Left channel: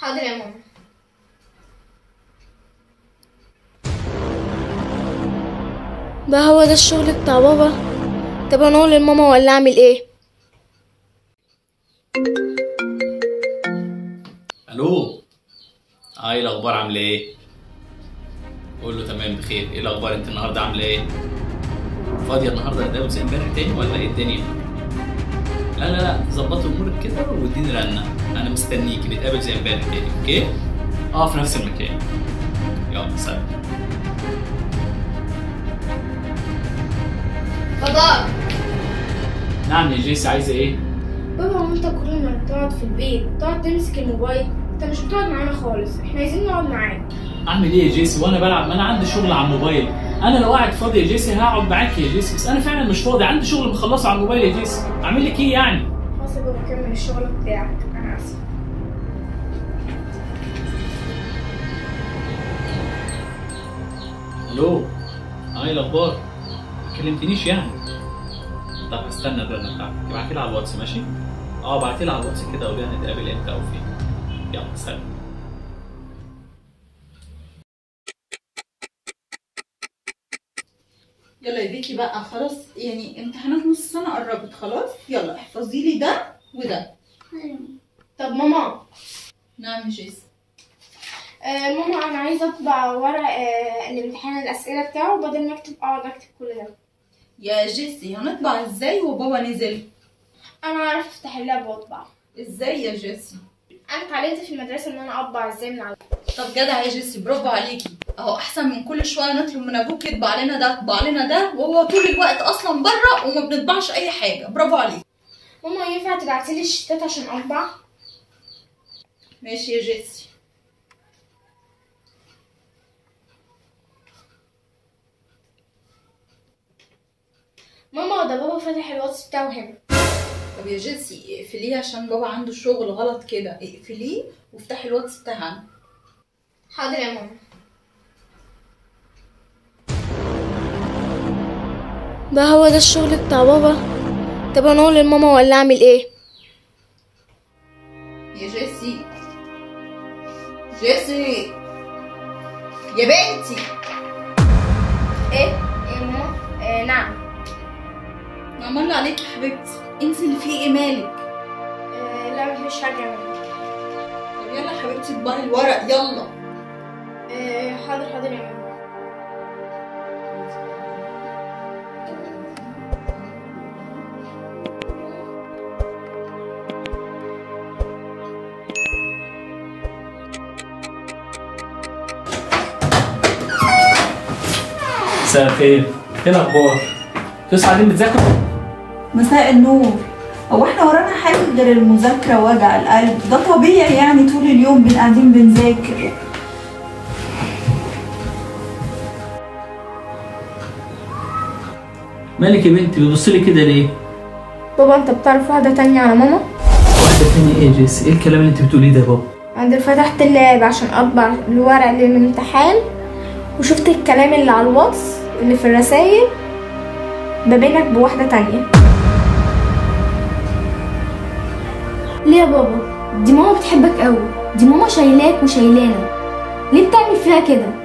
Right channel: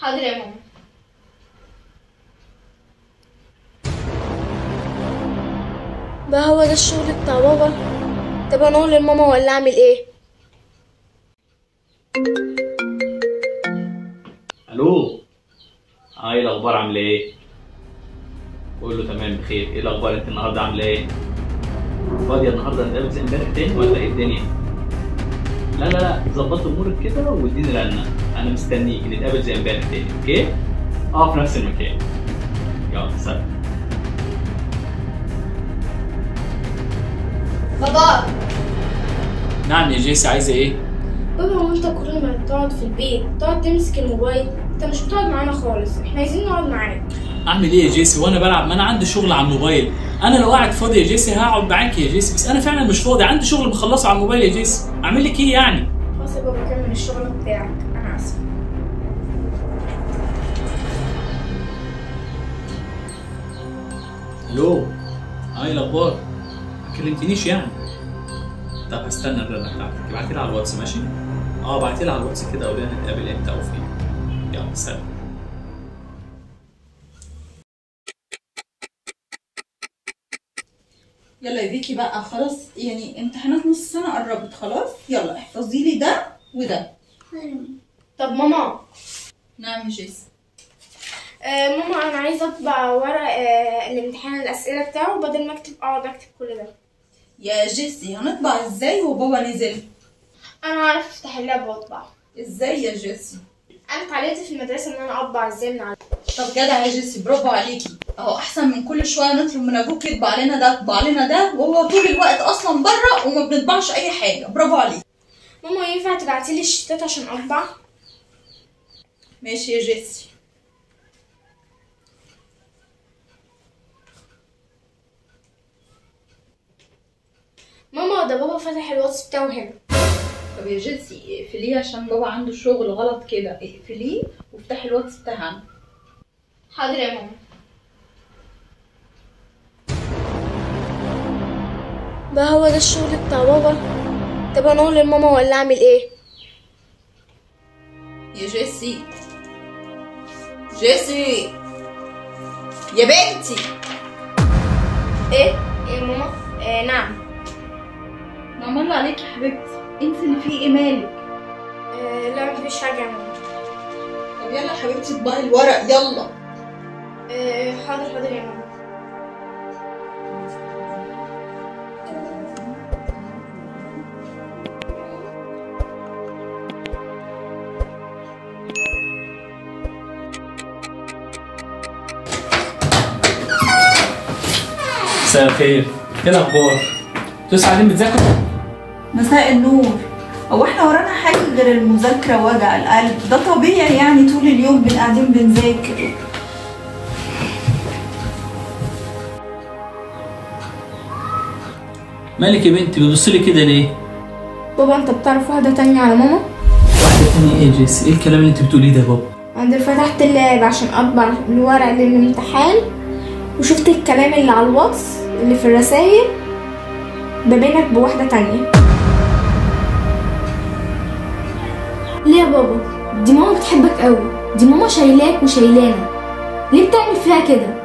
حاضر يا ماما. بقى هو ده الشغل بتاع بابا؟ طب انا اقول لماما ولا اعمل ايه؟ الو. ايه الاخبار؟ عامله ايه؟ قول له تمام بخير. ايه الاخبار؟ انت النهارده عامله ايه؟ فاضيه النهارده نتقابل زي امبارح تاني ولا ايه الدنيا؟ لا لا لا، ظبطي امورك كده واديني رنه، انا مستنيك نتقابل زي امبارح تاني. اوكي؟ في نفس المكان. يلا سلام. بابا. نعم يا جيسي، عايزه ايه؟ بابا، هو انت كل ما بتقعد في البيت تقعد تمسك الموبايل؟ انت مش بتقعد معانا خالص، احنا عايزين نقعد معاك. اعمل ايه يا جيسي وانا بلعب؟ ما انا عندي شغل على الموبايل. انا لو قاعد فاضي يا جيسي هقعد معاك يا جيسي، بس انا فعلا مش فاضي، عندي شغل بخلصه على الموبايل يا جيسي. اعمل لك ايه يعني؟ خلاص يا بابا، كمل الشغل بتاعك، انا اسفه. الو. ايه الاخبار؟ ما كلمتنيش يعني؟ طب هستنى الرنه بتاعتك، ابعتي لي على الواتس ماشي؟ ابعتي لي على الواتس كده قولي لي هنتقابل امتى او فين. يلا سلام. يلا يا بيكي بقى، خلاص يعني امتحانات نص السنة قربت خلاص. يلا احفظي لي ده وده. طب ماما. نعم يا جيسي. ماما، انا عايزه اطبع ورق الامتحان الاسئله بتاعه بدل ما اقعد اكتب كل ده. يا جيسي هنطبع ازاي وبابا نزل؟ انا عارفه افتح اللاب واطبع. ازاي يا جيسي؟ انا اتعلمت في المدرسه ان انا اطبع ازاي من على. طب جدع يا جيسي، برافو عليكي. اهو احسن من كل شويه نطلب من ابوك يطبع لنا ده يطبع لنا ده، وهو طول الوقت اصلا بره وما بنطبعش اي حاجه. برافو عليكي. ماما، ينفع تبعتيلي الشتات عشان اطبع؟ ماشي يا جيسي. ماما، ده بابا فتح الواتس بتاعه هنا. طب يا جيسي اقفليه عشان بابا عنده شغل غلط كده، اقفليه وافتحي الواتس بتاعنا. حاضر يا ماما. بقى هو ده الشغل بتاع بابا؟ طب انا اقول لماما ولا اعمل ايه؟ يا جيسي. جيسي يا بنتي. ايه يا ماما؟ نعم. نعم الله عليكي يا حبيبتي، انت اللي فيه ايه مالك؟ لا مفيش حاجه يا ماما. طب يلا يا حبيبتي اطبعي الورق يلا. حاضر حاضر يا ماما. مساء الخير. ايه الاخبار؟ انتوا قاعدين بتذاكروا؟ مساء النور. هو احنا ورانا حاجه غير المذاكره ووجع القلب؟ ده طبيعي يعني، طول اليوم قاعدين بنذاكر. مالك يا بنتي بتبصي لي كده ليه؟ بابا، انت بتعرف واحده تانية على ماما؟ واحده تانية ايه يا جيسي؟ ايه الكلام اللي انت بتقوليه ده يا بابا؟ انا فتحت اللاب عشان اطبع الورق للامتحان وشفت الكلام اللي على الواتس اللي في الرسايل ده بينك بواحده تانية. ليه يا بابا؟ دي ماما بتحبك قوي، دي ماما شايلاك وشايلانا، ليه بتعمل فيها كده؟